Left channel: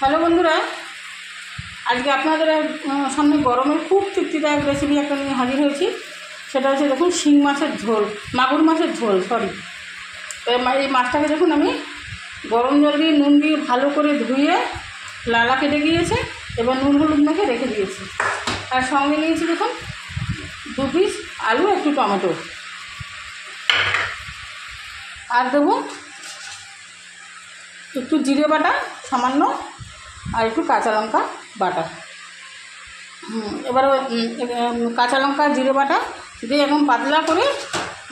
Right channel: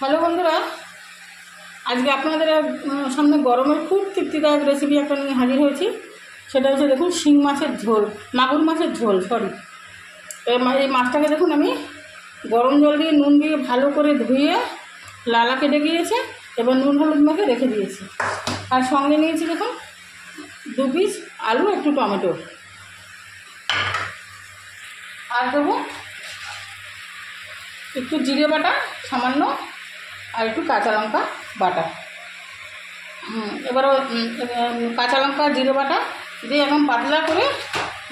Hello বন্ধুরা, আজকে আপনাদের সামনে গরমের খুব তৃপ্তিদায়ক রেসিপি একটা নিয়ে হাজির হয়েছি। সেটা হচ্ছে দেখুন শিং মাছের ঝোল, মাগুর মাছের ঝোল এই মাছটাকে দেখুন আমি গরম জল দিয়ে নুন দিয়ে ভালো করে ধুয়ে লালা কেটে গিয়েছে এবং নুন হলুদ মেখে রেখে দিয়েছি। আর সঙ্গে নিয়েছি দেখুন 2 পিস আলু, একটু টমেটো, আর দেবো একটু জিরে বাটা সামান্য, আর একটু কাঁচা লঙ্কা বাটা। এবার কাঁচা লঙ্কা জিরে বাটা দিয়ে একদম পাতলা করে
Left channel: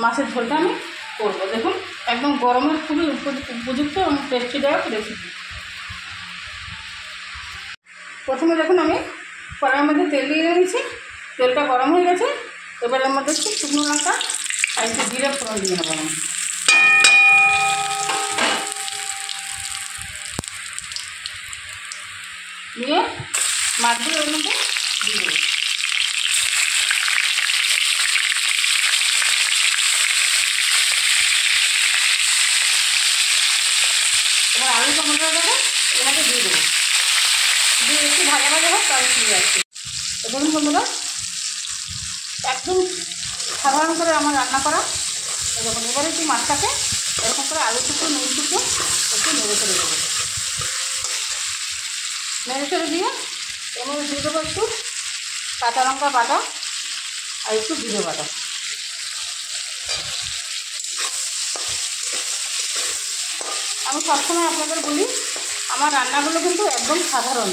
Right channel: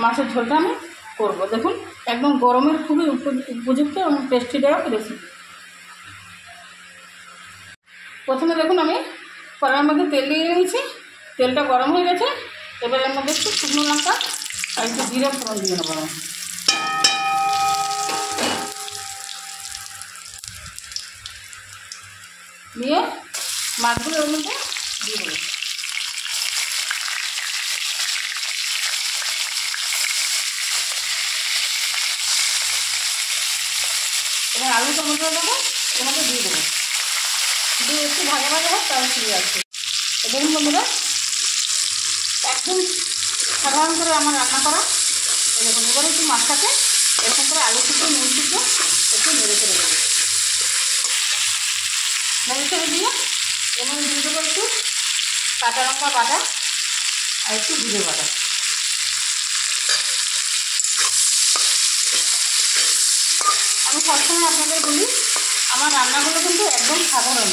মাছের ঝোলটা আমি করবো। দেখুন একদম গরমের খুবই উপযুক্ত এবং টেস্টিদায়ক রেসিপি। প্রথমে দেখুন আমি কড়াইয়ের মধ্যে তেল দিয়ে নিয়েছি, তেলটা গরম হয়ে গেছে। এবার এর মধ্যে একটু শুকনো লঙ্কা আর একটু জিরে ফোড়ন দিয়ে নেবো। নিয়ে মাছগুলো ওর মধ্যে দিয়ে দেবো। এবার আলু টমেটোটা দেবো, এর মধ্যে দিয়ে দেবো, দিয়ে একটু ভাজা ভাজা হোক, তাহলে ফিরে আসছে। দেখুন বন্ধুরা, একদম সাধারণ করে আমার রান্না করা। দেখুন এবারে একটু মাছটাকে এরকম করে আলু টুকরো নুন টুকরো একটু নেড়ে ফেলে দেবো। নেড়ে ফেলে দিয়ে এবং দিয়ে দেবো একটু কাঁচা লঙ্কা বাটা আর একটু জিরে বাটা। আমি সবসময় আপনাদের বলি, আমার রান্নাগুলো কিন্তু একদম সাধারণ,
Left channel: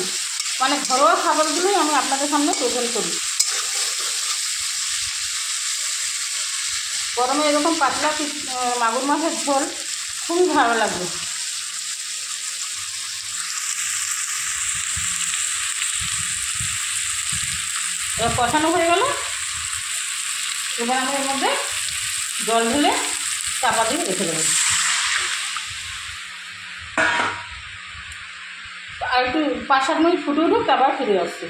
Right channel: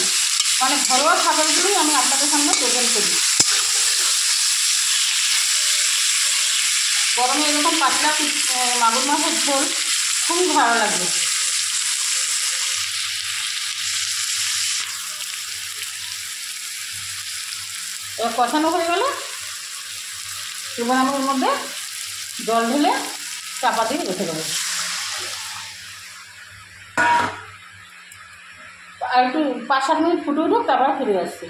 মানে ঘরোয়া খাবারগুলোই আমি আপনাদের সামনে প্রেজেন্ট করি। গরমে এরকম পাতলা মাগুর মাছের ঝোল খুবই ভালো লাগবে। এবার কষানো হয়ে গেল। এবার আমি এর মধ্যে জল ঢেলে চাপা দিয়ে রেখে দেবো। আর একটু 5-7 মিনিট ফুটে উঠুক, তারপর ফিরে আসছে।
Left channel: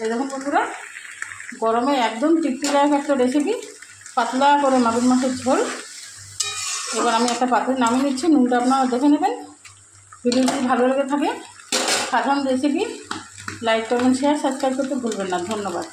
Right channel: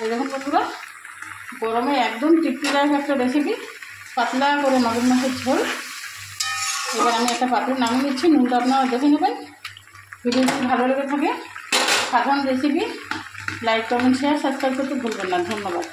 এই দেখুন বন্ধুরা, গরমে একদম তৃপ্তিদায়ক একটা রেসিপি, পাতলা করে মাগুর মাছের ঝোল। এবার আমি একটা পাত্রে নামিয়ে নিচ্ছি। নুনটা আপনারা দেখে নেবেন। ভিডিও যদি ভালো লেগে থাকে সাধারণ recipe like, comment, share, subscribe করতে ভুলবেন না। ধন্যবাদ।